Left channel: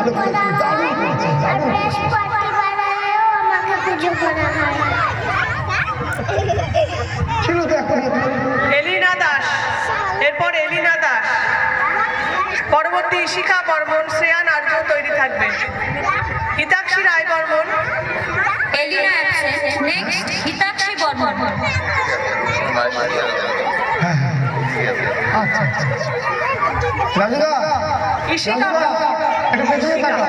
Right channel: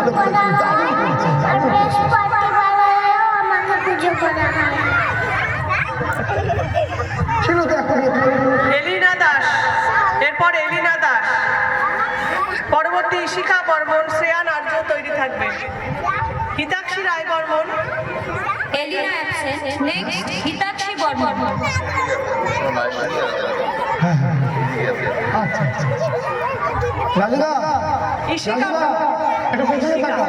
ভালো করেছি, দারুণ করেছি, দারুণ করেছি। ছেড়ে দে এখন। এলিনা দাস, এরপর এলিনা দাস, পরবর্তী ইশিকা বর্মন, শ্রেয়া নার্য তৈরি থাকবে। হিতাক্ষী রায় বর্মন, এলিনা অ্যাবসেন্ট, নেক্সট হিতাক্ষী বর্মন। হ্যাঁ হ্যাঁ, আচ্ছা আচ্ছা। রাজুদা, ইশিকা রাজুদা, একটু পেছনে তাকাও।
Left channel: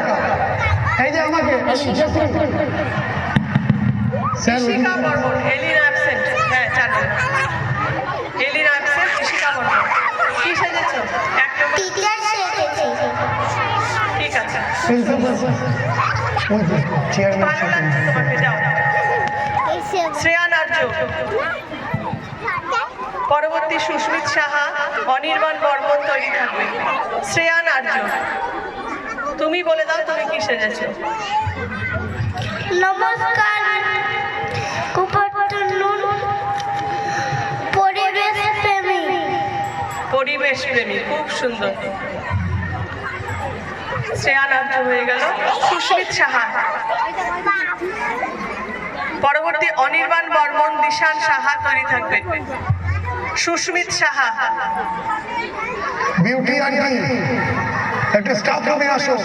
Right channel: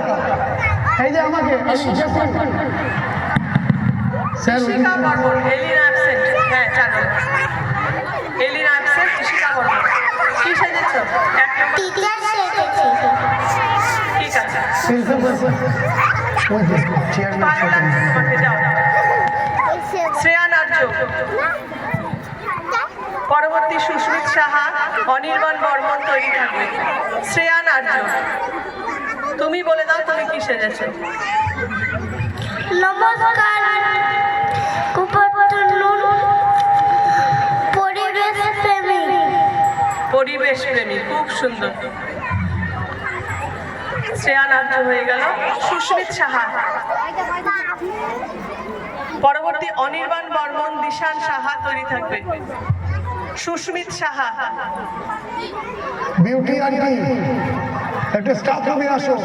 এই যে আমাকে স্যার, ইশিকা বর্মন, এলিনা অ্যাবসেন্ট। হ্যাঁ, 4 নম্বর। এলিনা অ্যাবসেন্ট, ইশিকা বর্মন। কি সেজেছ? 1 নম্বর। ঠিক আছে। ওই যে চেয়ারম্যান ভালো লাগছে তোমাকে, যাও। শ্রেয়া নার্য, পরবর্তী সুস্মিত সাহা, অনির্বাণ বর্মন তৈরি থাকবে। শ্রেয়া নার্য, তুমি বলে দাও তুমি কি সেজেছো? নমস্কার, পরিবেশ প্রেমী। পরিবেশ প্রেমী, খুব সুন্দর। শ্রেয়া নার্য হয়ে গেল। সুস্মিত সাহা, পরবর্তী অনির্বাণ বর্মন, দিশান সাহা তৈরি থাকবে। সুস্মিত সাহা, বিউটি আন্টি, একটা স্টাফ রুমে আসো।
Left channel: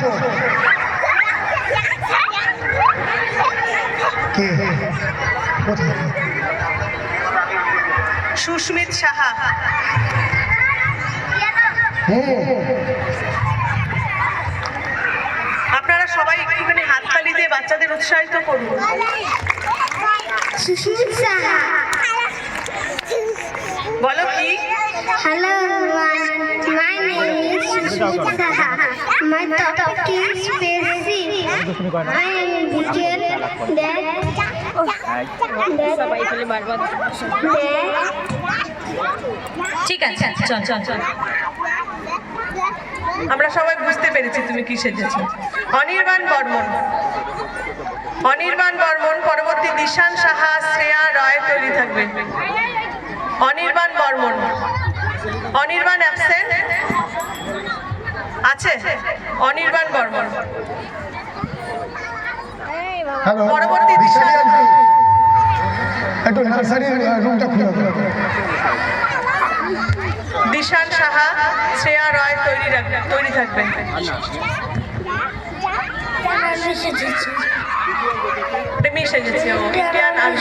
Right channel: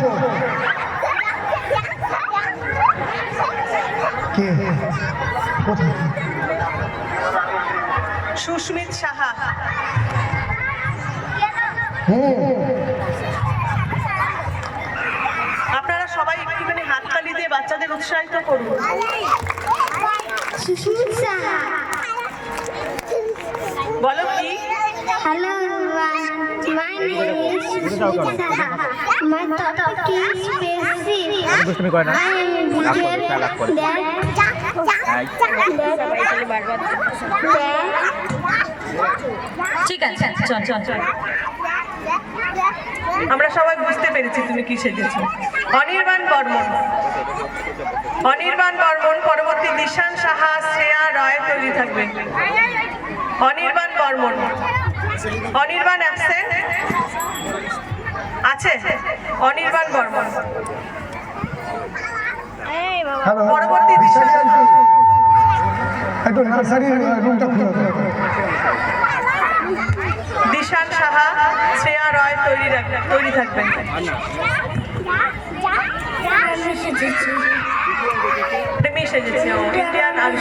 কে কোথায়? সুস্মিত সাহা, আপনারা সবাই একটুখানি হাততালি দিয়ে বাচ্চাদের উৎসাহিত করুন। সুস্মিত সাহা, বলো কি? hello everyone, my name is Sushmita Saha. My topic is basic. I am detail ঠিক আছে, চল চল চল। আমরা সবাই বুঝতে পেরেছি তুমি কি সেজেছো। অনির্বাণ বর্মন, অনির্বাণ বর্মন, পরবর্তী দিশান সাহা, শ্রেয়া রায় তৈরি থাকবে। অনির্বাণ বর্মন, অনির্বাণ অ্যাবসেন্ট আছে। অনির্বাণ বর্মন, হ্যালো, পরবর্তী দিশান, একটু নার্সারির রুমটা খুলে দাও। দিশান সাহা, শ্রেয়া রায় তৈরি থাকবেন। প্রেমী সেজেছে ও, ইন্ডিয়ান আর্মি।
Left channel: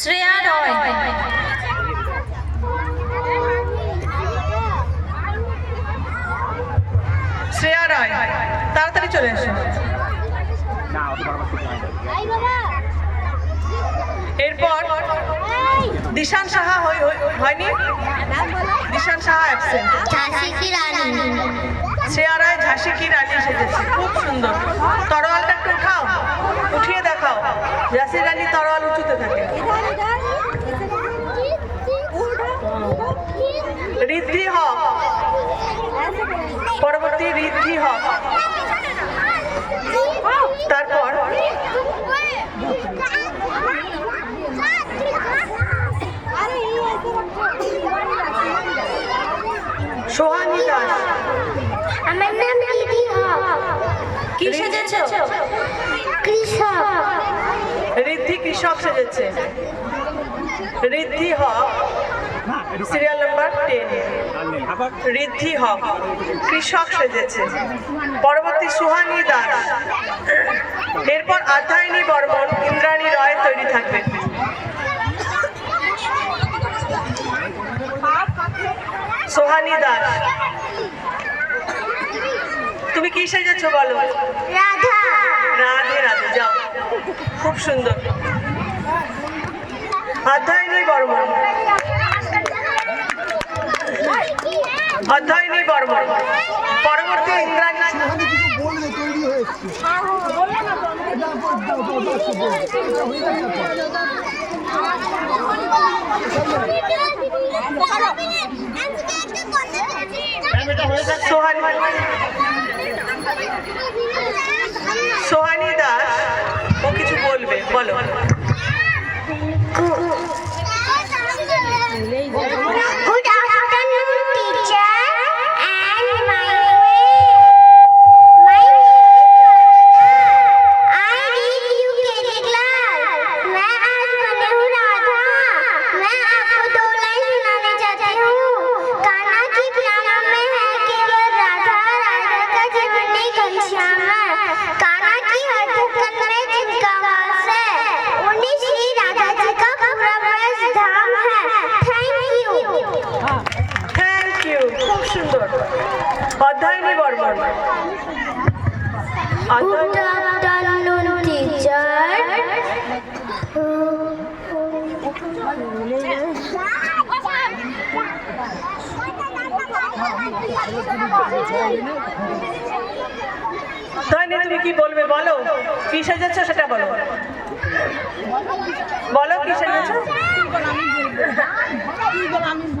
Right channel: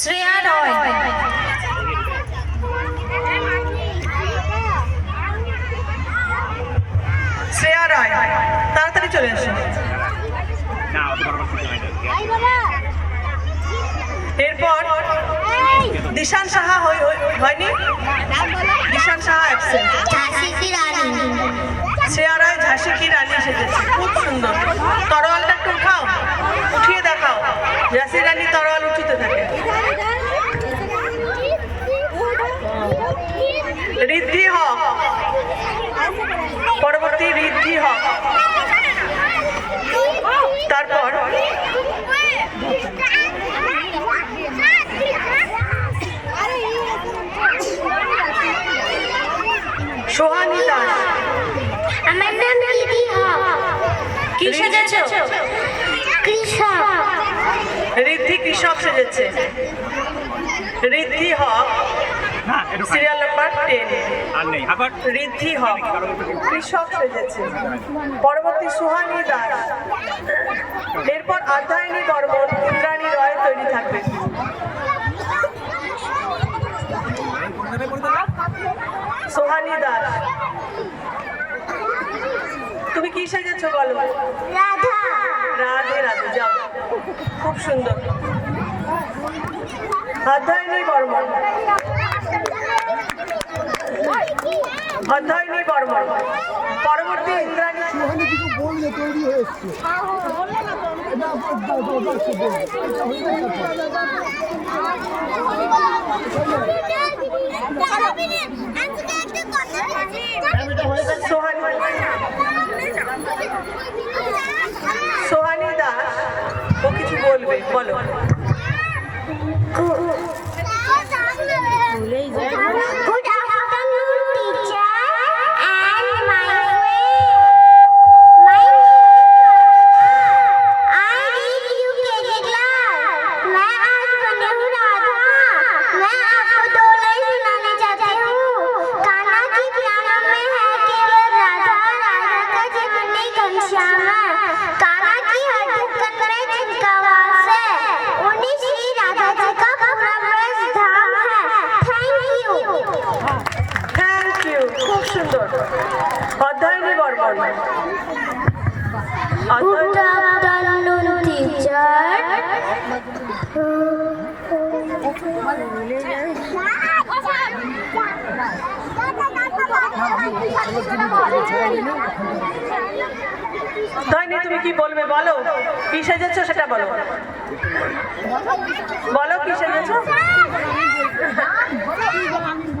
শ্রেয়া রয়, শ্রেয়া রায়, তাড়াতাড়ি চলে এসো। এরপর দিশান সাহা হয়নি, দিশান সাহা অ্যাবসেন্ট। ঝাঁসি কি রানী। শ্রেয়া রায় ঝাঁসি কি রানী সেজেছে, খুব সুন্দর। তরোয়ালটা একটু উঠাও, উঠিয়ে দেখাও। ঝাঁসি রানী তরোয়াল উঁচুতে থাকে। ঋদ্ধি হক, পরবর্তী ঋদ্ধি হক, তারপর সোহানী দাস। আমার নাম দিদি হক। কি সেজেছো? কৃষক। ঋদ্ধি কৃষক সেজেছে। ঋদ্ধি হক, সিরিয়াল নাম্বার 10। ঋদ্ধি হক কৃষক সেজেছে। পরবর্তী সুহানী দাস, এরপর আধ্যায়নী বর্মন, ইন্দ্রাণী রয় তৈরি থাকবে। সোহানী দাস, তুমি কি সেজেছো বলো? রাধা। রাধে রাধে, যাও, খুব সুন্দর। অধ্যয়নী বর্মন, অধ্যয়নী বর্মন, পরবর্তী ইন্দ্রাণী। সুহানি কিছু বললে তৈরি হয়ে এসছে। দাও বলো। Good afternoon, teacher and my I read UKG class. मैं आज बनी हूँ राधा। मैं आपको दो लाइन सुनाने चाहती हूँ। कान्हा की प्याला में है केवल राधा, राधा का जीवन ही घनश्याम है। कान्हा की हर धड़कन में जिनका वास है, उन्हीं श्री राधा जी का पूरा ब्रज धाम है। থ্যাংক ইউ, খুব সুন্দর। অধ্যয়নী বর্মন। Good afternoon, teacher. অধ্যয়নী তুমি কি বলবে বলো, কি সেজেছো সেটা বলো, বলো কি সেজেছো।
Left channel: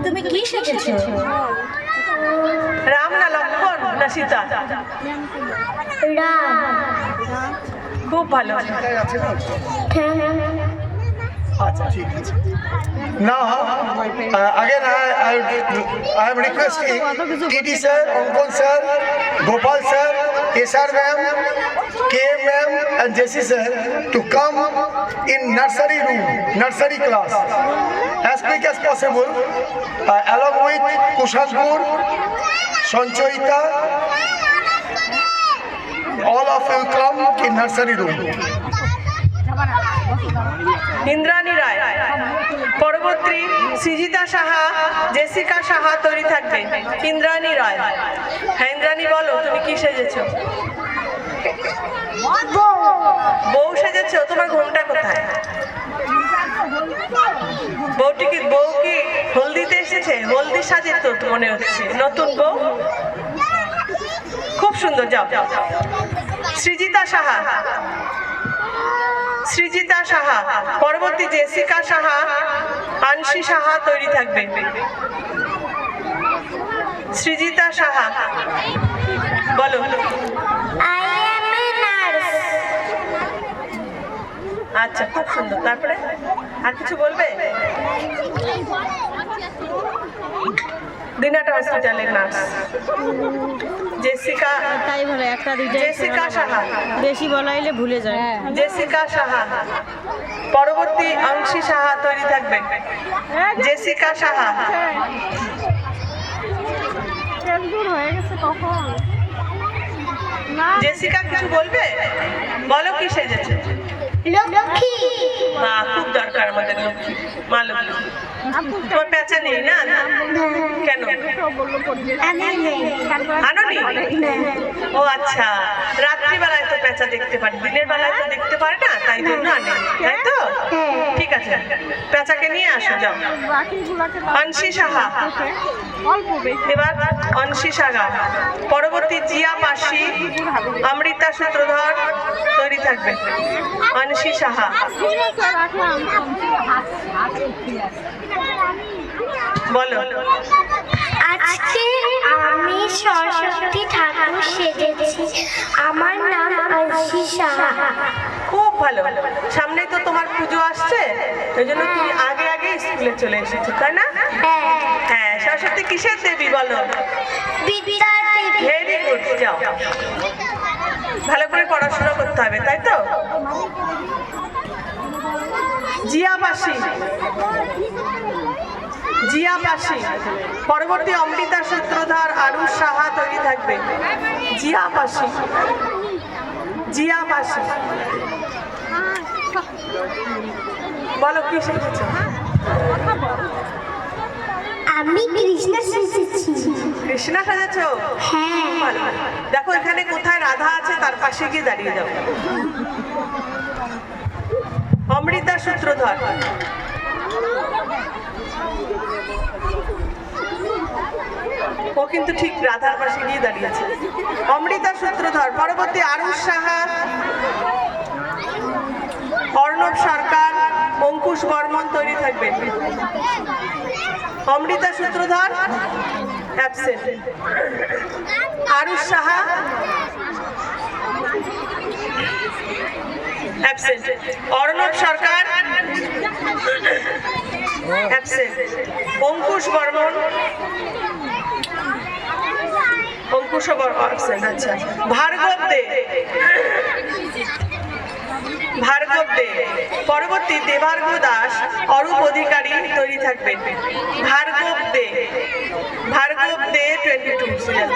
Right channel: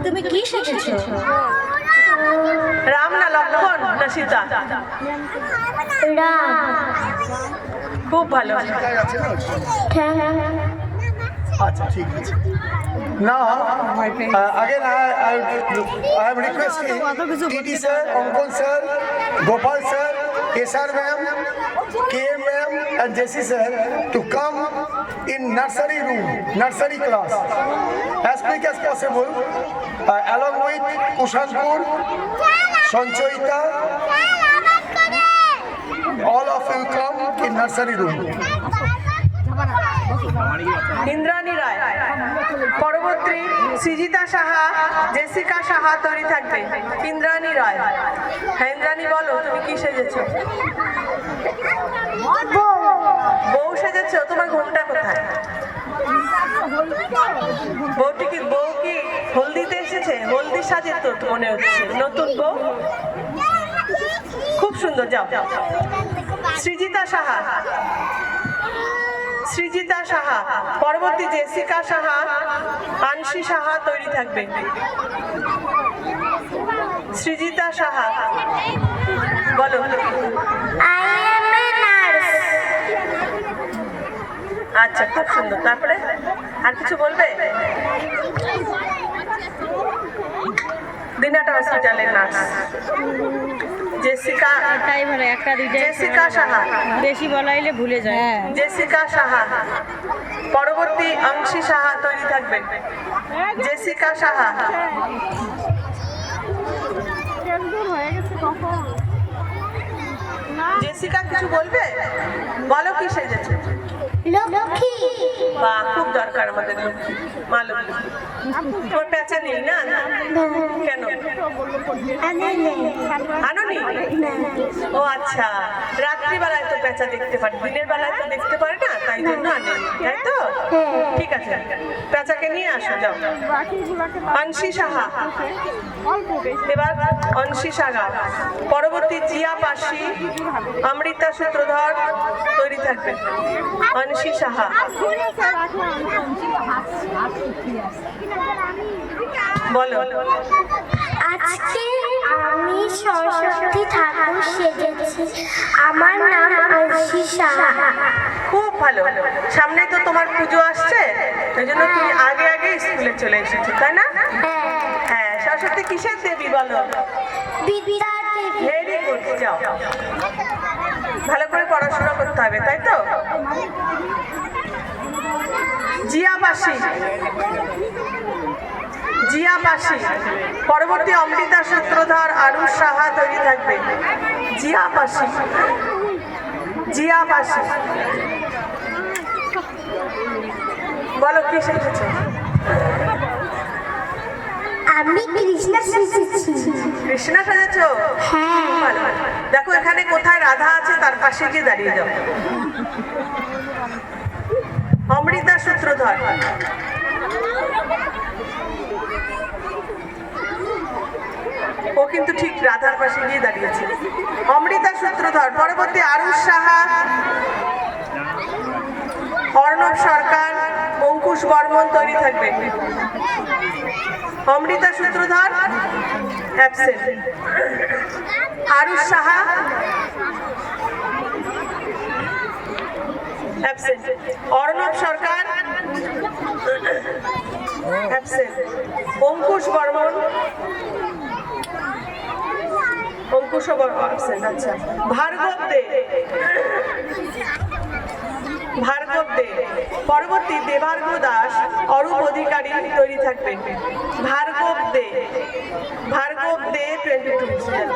তুমি কি সেজেছো? রাম না লক্ষণ না সীতা? Ram. খুব ভালো। Now, again, I am requesting TD sir, Ankon sir, Gopal sir, Kesar ma'am, KM ma'am, and JC sir to come in nursery room, nursery class, as quick as possible, along with Kushanpur, Sanchoita. All of you come in nursery room. Indrani রায়, পরবর্তী Srijita Saha, Jessica Saha তৈরি থাকবে। ইন্দ্রাণী রায়। হ্যাঁ ইন্দ্রাণী বলো, তুমি কি সেজেছো? বউ সেজেছো? তোমার ঘোমটা কোথায়? বউ কি হলদিতে এসেছে? হলদির সাজে তো মনে হচ্ছে নতুন বউ। খুব সুন্দর, যাও। সৃজিতা সাহা, সৃজিতা সাহা, পরবর্তী জেসিকা সাহা, আনসি সাহা তৈরি থাকবে। সৃজিতা সাহা বলো। I am a nurse. আচ্ছা, খুব সুন্দর। তারপরে আর কিছু বলবে? দিনাটা হসপিটালের নার্স। জেসিকা, তাই ভালো, একটা দুইটা জেসিকা সাহা, বেশি বলাইলে ভুলে যায়। জেসিকা সাহা, পরবর্তী অংশী সাহা তৈরি থাকবে। জেসিকা সাহা। জেসিকা কিছু বলবে? বলো কি সেজেছে? লক্ষ্মী। বাহ, খুব দরকার আমাদের লক্ষ্মী, মা লক্ষ্মী। তোমার পেঁচা নেই না? কেন আনোনি? ও আচ্ছা, রাত্রিবেলায় তো পেঁচা দেখতে পারে, দিনের বেলায় তো দেখতে পারে না, তাই জন্য আনে, তাই তো? ঠিক আছে, পেঁচাকে নিয়ে আসো, যাও। অংশী সাহা, এবার অংশী সাহা, পরবর্তী জিয়া পাশি, অমৃতা সূত্রধর তৈরি থাকবে। অংশী সাহা বলো। আজকে আমি সরস্বতী ঠাকুর সেজেছি। আমার নাম অংশী সাহা। খুব ভালো। সামনে তো তোমার পুজো আসছে, ওই জন্য তুমি আগে আগে স্কুলে চলে এসেছো, তাই না? হ্যাঁ, সরস্বতী কিসের দেবী বলো? বিদ্যা দেবী। ভেরি গুড, যাও। ভালো করে পড়াশোনা করতে হবে, তাই তো? জিয়া পাশি, জিয়া পাশি, পরবর্তী অমৃতা সূত্রধর, আরুষ সাহা তৈরি থাকবে। জিয়া পাশি, জিয়া পাশি বলো কি শিখেছো? আমি কৃষ্ণা সেজেছি। কৃষ্ণা সাজেছো? হ্যাঁ। ভালো। দেখো এখানে কোথায় রাধা আছে, তার পাশে গিয়ে দাঁড়িয়ে যাও। অমৃতা সূত্রধর, ও কিন্তু ঠিক রাধার পাশে গিয়ে দাঁড়িয়েছে। অমৃতা সূত্রধর, পরবর্তী আরুষ সাহা, অর্ণব সরকার, অঙ্কুশ বর্মন তৈরি থাকবে। অমৃতা সূত্রধর অ্যাবসেন্ট, আরুষ সাহা, অ্যাবসেন্ট। অর্ণব সরকার, অ্যাবসেন্ট। অঙ্কুশ বর্মন, অঙ্কুশ বর্মন অ্যাবসেন্ট। আচ্ছা। ভার্গব দে, ভার্গব দে। পরবর্তী দেবার্ঘ দাস, অরূপ অধিকারী তৈরি থাকবেন। ভার্গব দে, ভার্গব দে 22 সিরিয়াল।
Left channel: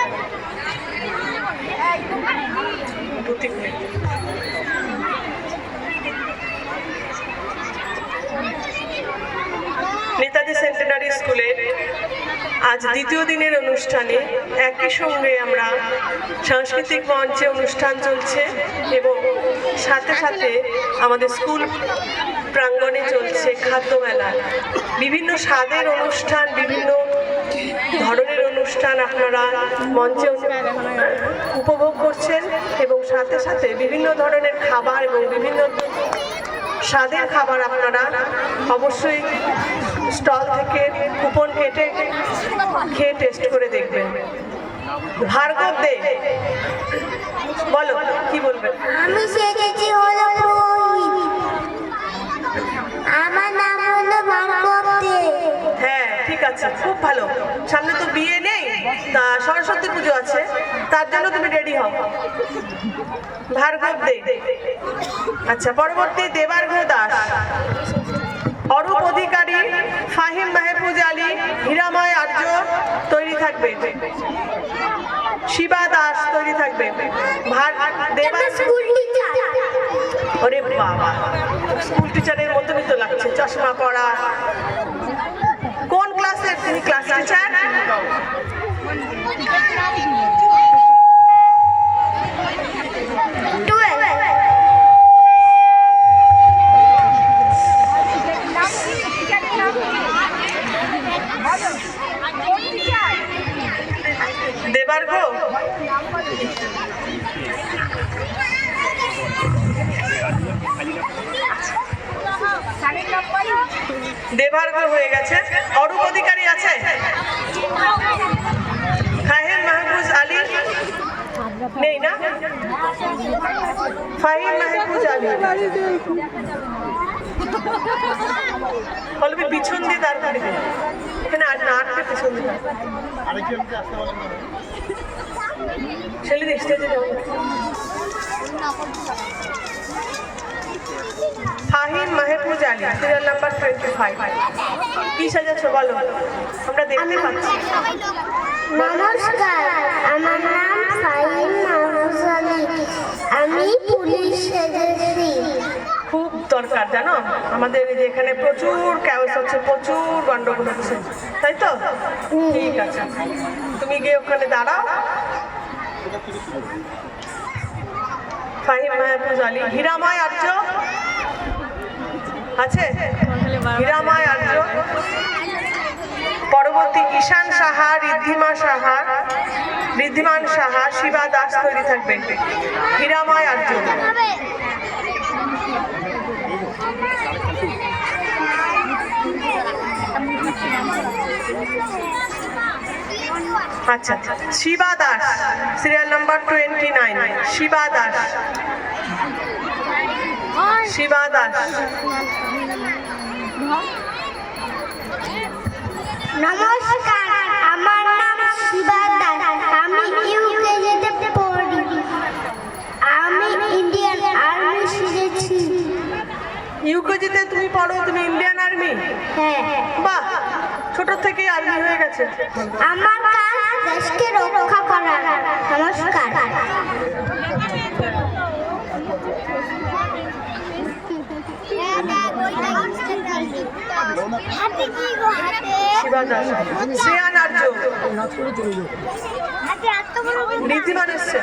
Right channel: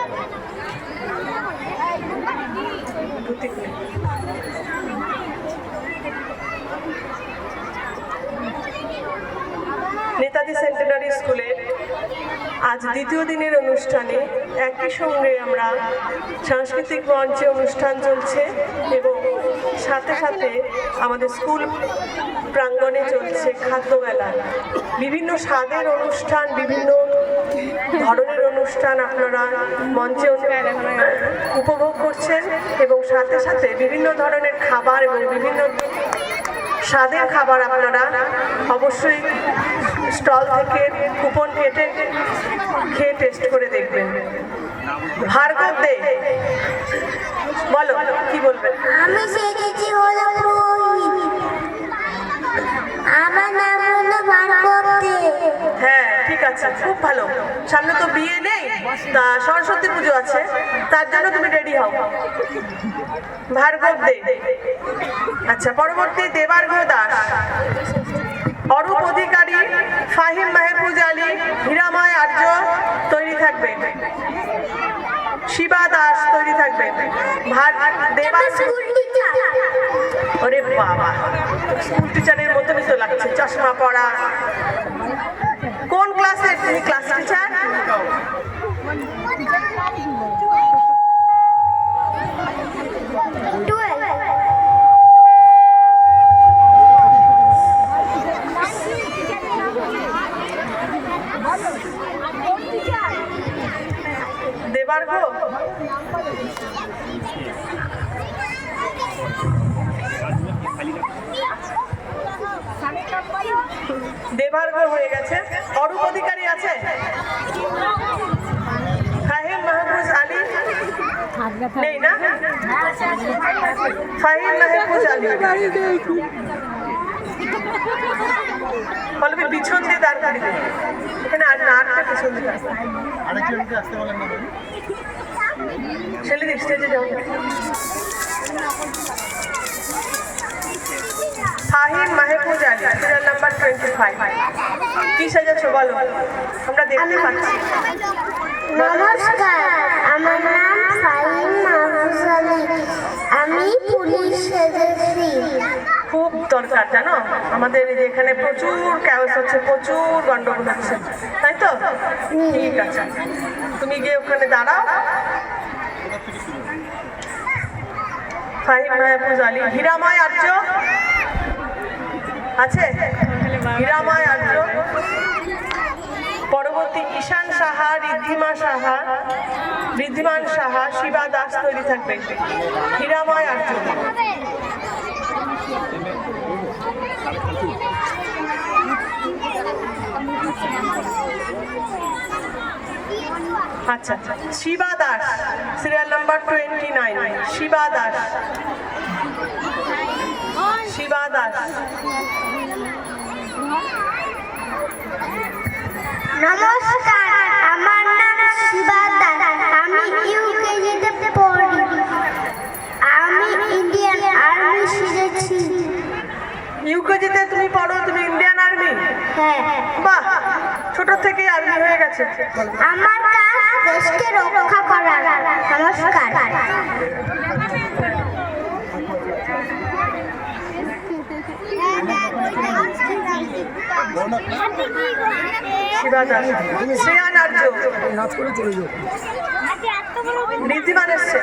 নেতাজি সেন্টেনারি স্কুলে আজ দ্বিতীয় দিনের অনুষ্ঠানে একই সঙ্গে আমরা সাংস্কৃতিক মঞ্চে অনুষ্ঠান চলছে এবং সাথে সাথে আমাদের স্কুল প্রাঙ্গণে চলছে খাদ্য মেলা। বিভিন্ন স্বাদের অনুষ্ঠান, বিভিন্ন ধরনের অনুষ্ঠান আপনারা মঞ্চে উপভোগ করছেন এবং সাথে সাথে বিভিন্ন ধরনের খাবার এবং বিভিন্ন স্বাদের খাবার আপনারা অবশ্যই স্টল থেকে কুপন কেটে খেয়ে টেস্ট করে দেখবেন। ভার্গব দে, বলো কি বলবেন? আমি সেজেছি হলো পুরোহিত। আমার নাম হলো ভার্গব দে। হ্যাঁ, ঠিক আছে, খুব ভালো। সামনে তো বিয়ে নেই, তা সরস্বতী পুজো আছে, তার জন্য তুমি রেডি হও। ভার্গব দে। আচ্ছা, পরবর্তী দেবার্ঘ দাস, অরূপ অধিকারী, ফাহিম মাহফুজ আলী, হীরাময় আর্য তৈরি থাকবে। শিবা দাস তৈরি থাকবে। School teacher. ওরে বাবা, স্কুল টিচারের মতনই তো লাগছে, চশমা পড়া। কোন ক্লাসে তুমি ক্লাস টিচার? দেবার্ঘ, দেবার্ঘ হয়ে গেছে। অরূপ অধিকারী আছে? ফাহিম মাহফুজ আলী নেই না? ফাহিম মাহফুজ আলী বলবি পিছন দিয়ে দাঁড় করিয়ে দেবে। এখানে আর না, আটটা পিছন দিয়ে দাঁড়। ছেলেদের স্টেজে যাও। Fahim Mahfuz Ali, serial number 25। কি সাজাচ্ছ বলো, আমরা দেখতে পাচ্ছি। নমস্কার, আমার নাম ফাহিম মাহফুজ আলী। আমি পুলিশ সেজেছি। খুব দরকার জানো, আমাদের এই যে এখানে প্রচুর ক্যাওস হচ্ছে, প্রচুর গন্ডগোল হচ্ছে, তাই তো? ঠিক আছে, তুমি গিয়ে ওখানে দাঁড়াও। ফাহিম মাহফুজ আলী। হীরাময় আর্য আছে? হীরাময় আর্য। পরবর্তী ঈশান সাহা, ঋদ্ধিমান সাহা, শিবা দাস তৈরি থাকবে। হীরাময় আর্য। আচ্ছা, শিবা দাস, সিরিয়াল নাম্বার 29। শিবা দাস, শিবা দাস। নমস্কার, আমার নাম শিবা দাস। আমি ইউকেজিতে পড়ি। আমি ইন্ডিয়ান আর্মি শিখেছি। ইউকেজিতে তুমি পড়ো, তুমি ইন্ডিয়ান আর্মি? হ্যাঁ। বাহ, ছোট থেকেই আর্মি হয়ে গেছে। আমার কাজ দেশকে রক্ষা করা। নমস্কার। শিবা দাস। শ্রেয়ান আর্য। ঋদ্ধিমান এসছে।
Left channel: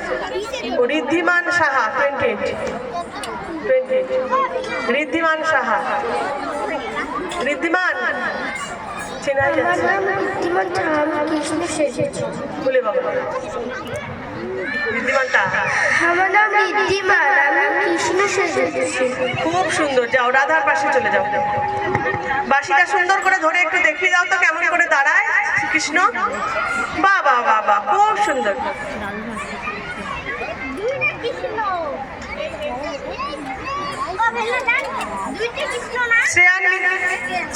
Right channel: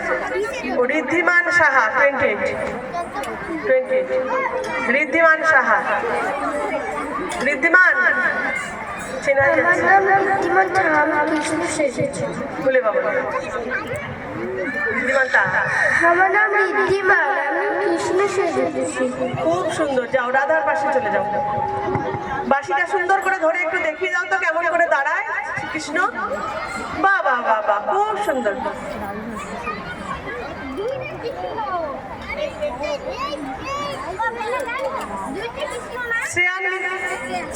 ও ঋদ্ধিমান সাহা 28। ঋদ্ধিমান সাহা। ঋদ্ধিমান চেনা যাচ্ছে? বলে বাবা, ঋদ্ধিমানটা। আমার নাম ঋদ্ধিমান, আমি কৃষ্ণ সেজেছি। খুব সুন্দর, যাও রাধার পাশে চলে যাও। বাঁশিটা সুন্দর করে ধরে একটু দেখিয়ে দাও তো কেমন করে দাঁড়ায় কৃষ্ণ। বাহ বাহ বাহ বাহ, খুব সুন্দর।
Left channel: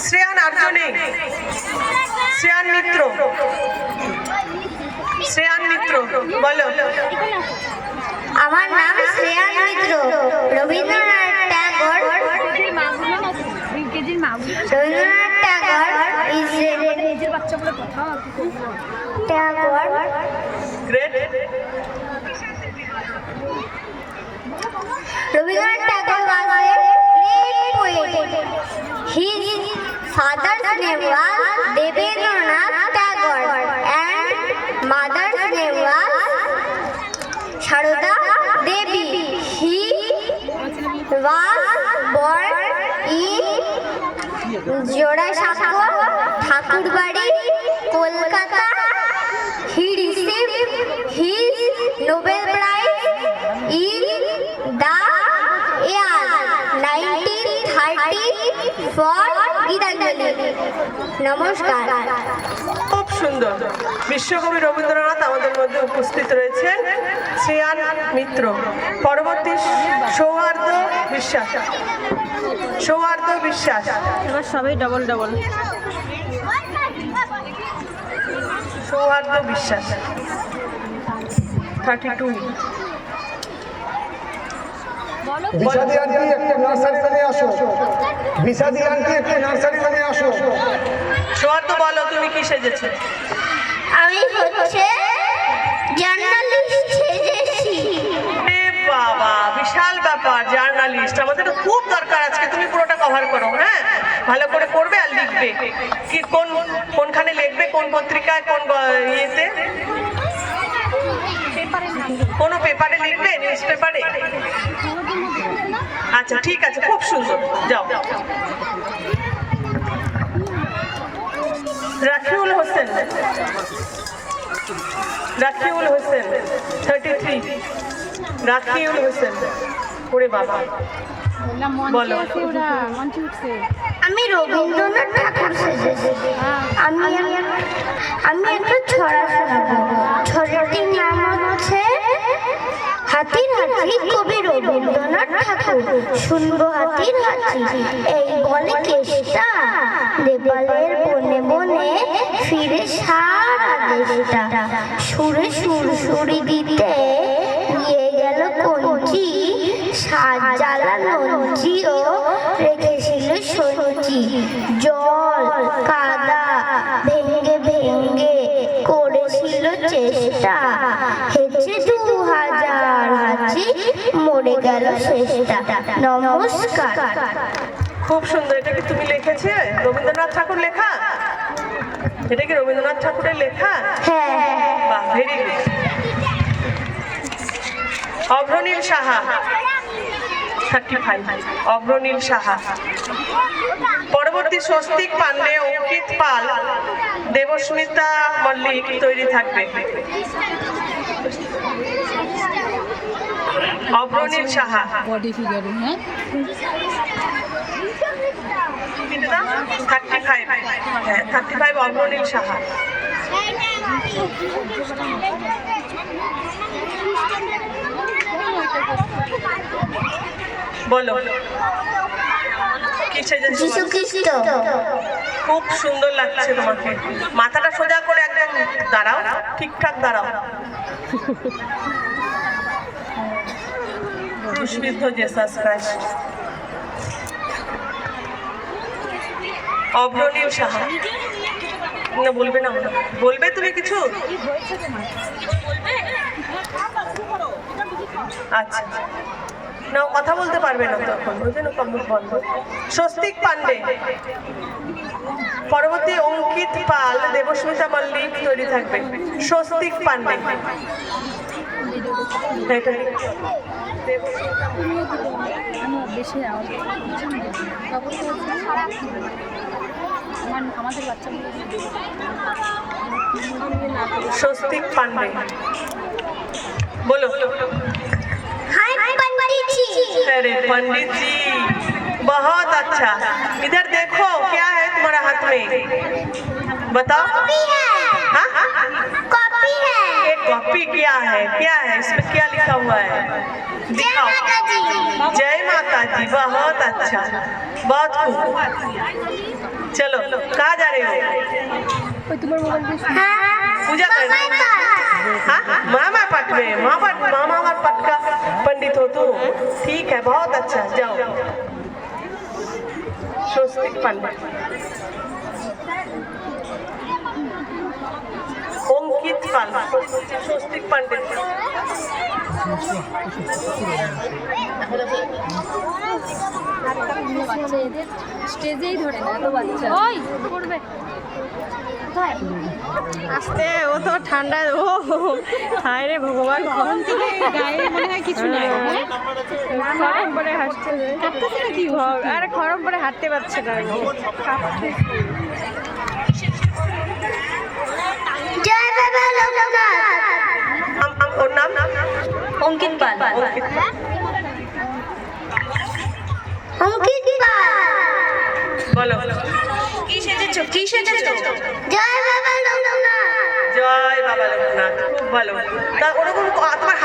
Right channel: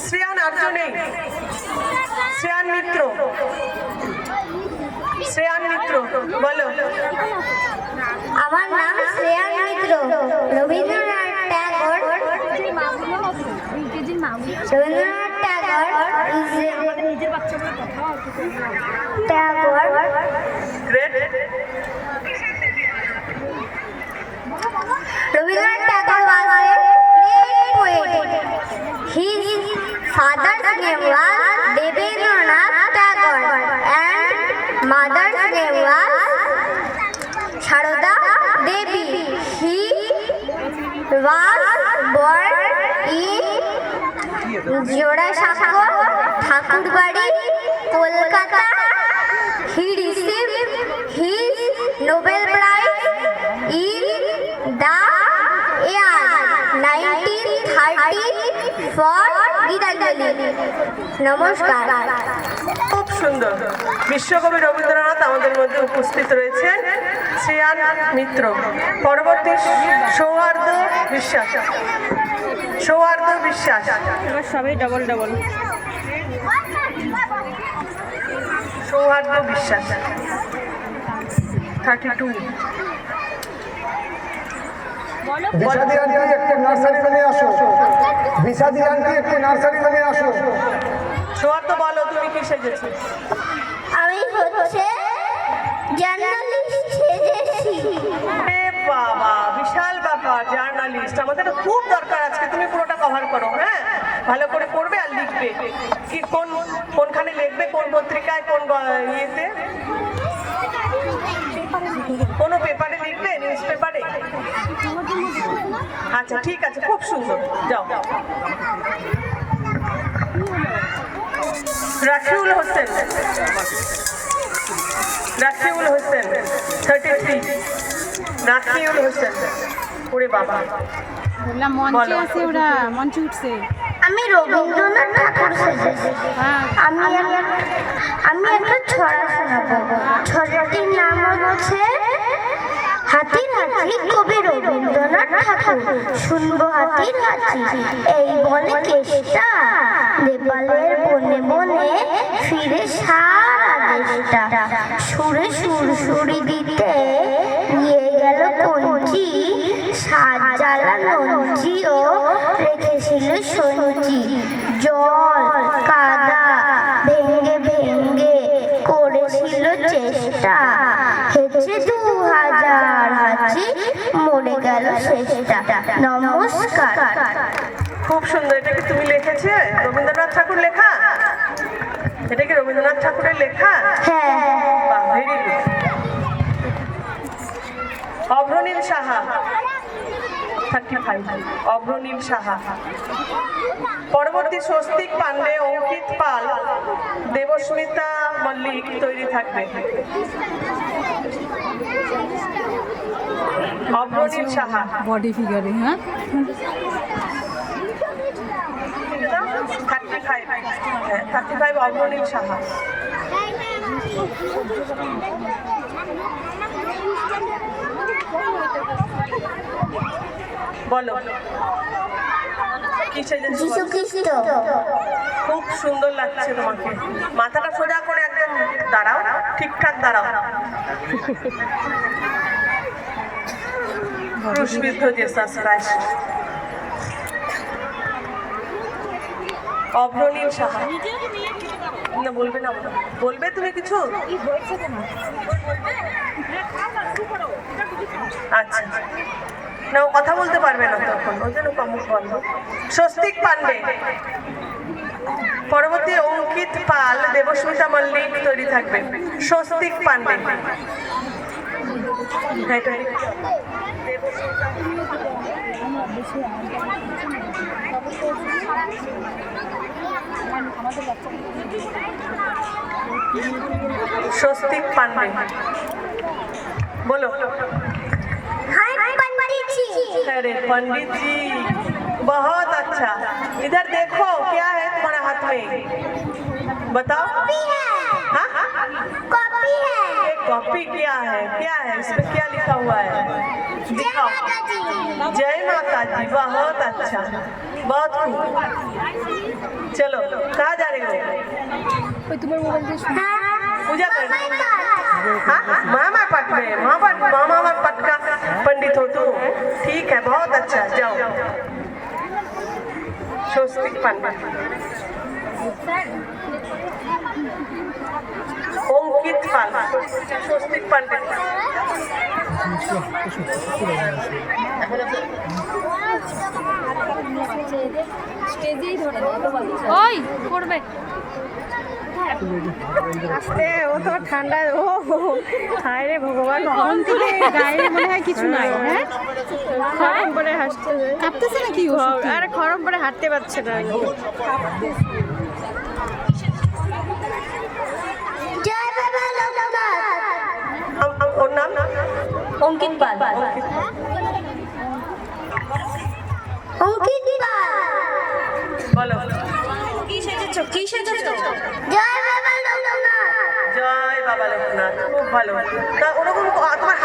শ্রেয়ান আর্জুনে, শ্রেয়ান মিত্র, শ্রেয়ান মিত্র বলো। আমার নাম Shreyan Mitra. Rabindranath Tagore is great. Rabindranath Tagore was a great poet. His father's name was Debendranath Tagore and mother's name was Sharoda Devi. He was born in Jodasakor, Thakurbari, Kolkata. He received his Nobel Prize in the year 1930 for Gitanjali. নমস্কার। খুব সুন্দর। বিশ্বকবি রবীন্দ্রনাথ আমাদের মধ্যে উপস্থিত রয়েছেন। শ্রেয়ান মিত্র। পরবর্তী সৌহার্দ্য বিশ্বাস। সৌহার্দ্য বিশ্বাস। এবার সবাই ডবল ডবল। সৌহার্দ্য বিশ্বাস 32। বিষাদি আন্টি একটা নার্সারি রুমে আসো। বিষাদি আন্টি একটা নার্সারি রুমে আসো। সৌহার্দ্য বলো তুমি কি সেজেছো? আমি হচ্ছে জার্নালিস্ট সেজেছি। এ বাবা, বিশাল ব্যাপার, জার্নালিস্ট। আমাদের তো খুব দরকার আজকে, তুমি পুরোটা কভার করো। হ্যাঁ, ভালো করে পড়বে আর লিখবে। কি কোনখানে লিখবে, কোন পত্রিকায়, কোন ইয়েতে, কোনো পেপারে লিখবে, নিউজ পেপারে? আচ্ছা ঠিক আছে, খুব সুন্দর, যাও। রাকিউল হোসেন, রাকিউল হোসেন 33। রাকিউল হোসেন, ওরে বাবা বলো। আমি রবীন্দ্রনাথ ঠাকুর সেজেছি। আমি একটা ছড়া শোনাবো। ছড়াটির নাম হচ্ছে হাতির হাঁচি, কবি রবীন্দ্রনাথ ঠাকুর। শুনবো হাতির হাঁচি, এই বলে কেষ্টা নেপালের বনে বনে ফিরে সারা দেশটা। সুরে সুরসুরি দিতে নিয়ে গেল কঞ্চি, সাত জ্বালা লঞ্চিও রেখেছিল সঞ্চি। জল কাদা ভেঙ্গে ভেঙ্গে করেছিল চেষ্টা, হেঁচে 2000 হাঁচি মরে গেল শেষটা। নমস্কার। খুব সুন্দর। এটা কি তুমি লিখেছে? রবীন্দ্রনাথ ঠাকুর লেখা? এটা কি রবীন্দ্রনাথ ঠাকুরের লেখা? হ্যাঁ। বাহ, ভেরি গুড। অভ্রনীল সাহা 35। অভ্রনীল সাহা। পরবর্তী স্বস্তিক পান্ডে, অঙ্কিত পাল, দেবস্মিতা মল্লিক তৈরি থাকবে। অভ্রনীল সাহা বডি ফিগারে। হ্যাঁ, 35। হ্যাঁ, 35 অভ্রনীল সাহা। বলো কি সেজেছো? যীশু খ্রিস্ট। খুব সুন্দর লাগছে তোমাকে। মাথাটা সোজা করে একদম দাঁড়াও, ঠিকঠাক দাঁড়াও। ক্রুশবিদ্ধ জেসাস ক্রাইস্ট। অভ্রনীল সাহা। না বলবে না, বলবে তুমি কিছু? আচ্ছা না, ও কথা বলতে পারবে না তখন, ওই জন্য কমুখ বন্ধ। স্বস্তিক পান্ডে। পরবর্তী অঙ্কিত পাল, দেবস্মিতা মল্লিক তৈরি থাকবে। স্বস্তিক পান্ডে। স্বস্তিক পান্ডে बोलो। हाय पंडित जी। अरे पंडित जी बहुत अच्छा। इधर देखो क्या है तुम्हारा हाथ में, बताओ। कॉपी है। हाँ? कॉपी है। ये कॉपी क्या है, क्या है इसमें क्या लिखा हुआ है? दिखाओ। माता दी। जय माता दी, बहुत अच्छा, बहुत खूब। चलो कहाँ जा रहे हो? हाँ, पूजा कर मामा पाठ। हाँ मामा पाठ में मामा पाठ का पंडित हो तुम? ठीक है, बहुत अच्छा, जाओ। स्वस्तिक पंडित अंकित पाल, स्वस्तिक पंडित। স্টেজেই ধরে না এত বাচ্চা ওই পড়বে আস্তে, ও তো ঠান্ডা, ও হায় রে ভগবান, গরম থেকে গায়ে মনে হয় কিছু নাই, খরম পরে হাসতে যায়, কাঁপতেছে নাকি? আরে খরম পরে হাঁটতে পারছে না। जय बाबा लोकनाथ। ওর নাম অঙ্কিত পাল। अंकित। अंकित पाल। বলো কি সেজেছো? কি সেজেছো? जय बाबा लोकनाथ। জয় বাবা লোকনাথ, খুব ভালো। তা ওরকম তোমার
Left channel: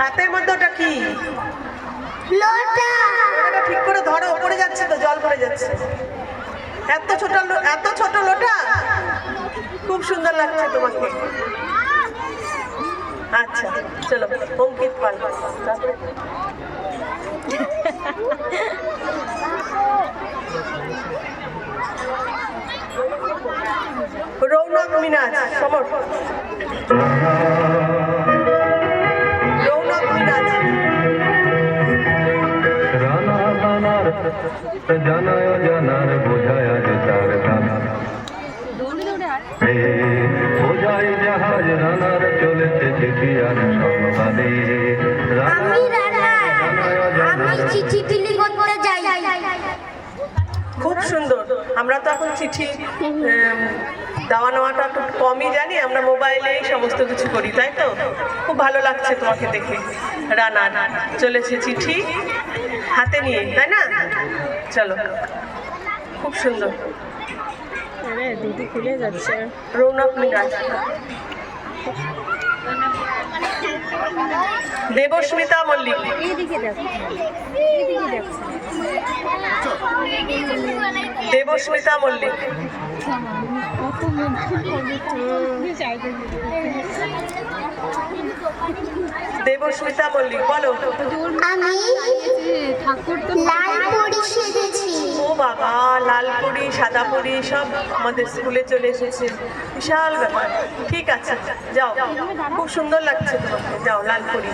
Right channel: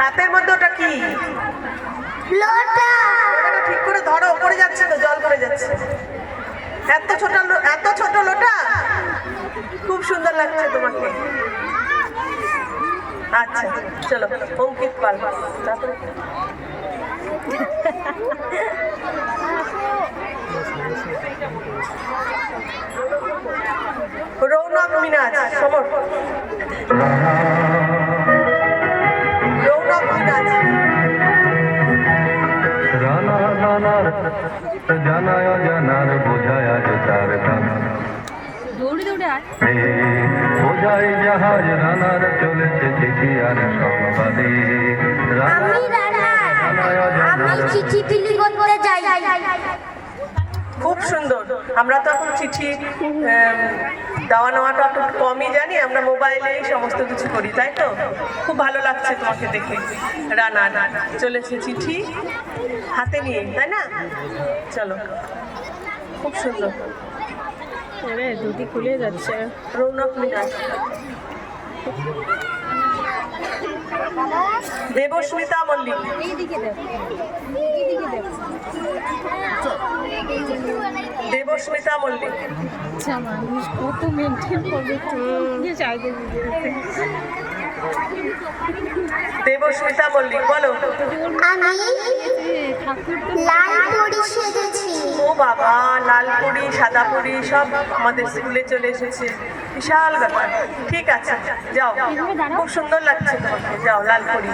হাতের মধ্যে ওটা কি? लोटा। ওটা ঠিক করে ধরো, পড়ে যাচ্ছে তো, জল পড়ে যাচ্ছে। এত ছোট লোটা, খুব সুন্দর লাগছে তোমাকে। আচ্ছা চলো, অঙ্কিত পাল। রৌনক মিনাজ, সমর। রৌনক মিনাজ। রানা রানার জানায় জানার বোঝায় তার গান বোঝাই জাহাজ রানার চলেছে চিঠি আর সংবাদে আমি রানা। আমি চিঠি বিলি করতে যাই। খুব সুন্দর। আমরা তো এখন চিঠি দেওয়া নেওয়াটা একটু কমই জানি, আমরা মোবাইলেই সমস্ত কিছু করি, তাই তো? খুব ভালো লাগছে তোমাকে দেখে। রানা চলেছে চিঠি হাতে নিয়ে, তাই না? চলো, খুব সুন্দর। আরে দুটি খুলে যাচ্ছে। রৌনক মিরাজ। দেবস্মিতা মল্লিক। দেবস্মিতা মল্লিক। আচ্ছা মানুষ কত মেনটেন করবে চাইতে দেবস্মিতা মল্লিক, বলো। আমি ঠাকুর তো লাল পরি সেজেছি। ও বাবা, লাল পরি সাদা পরি সব আমাদের স্কুলে চলে এসেছে, বিশাল ব্যাপার। ঠিক আছে, যাও, খুব সুন্দর লাগছে তোমাকে, যাও লাল পরি।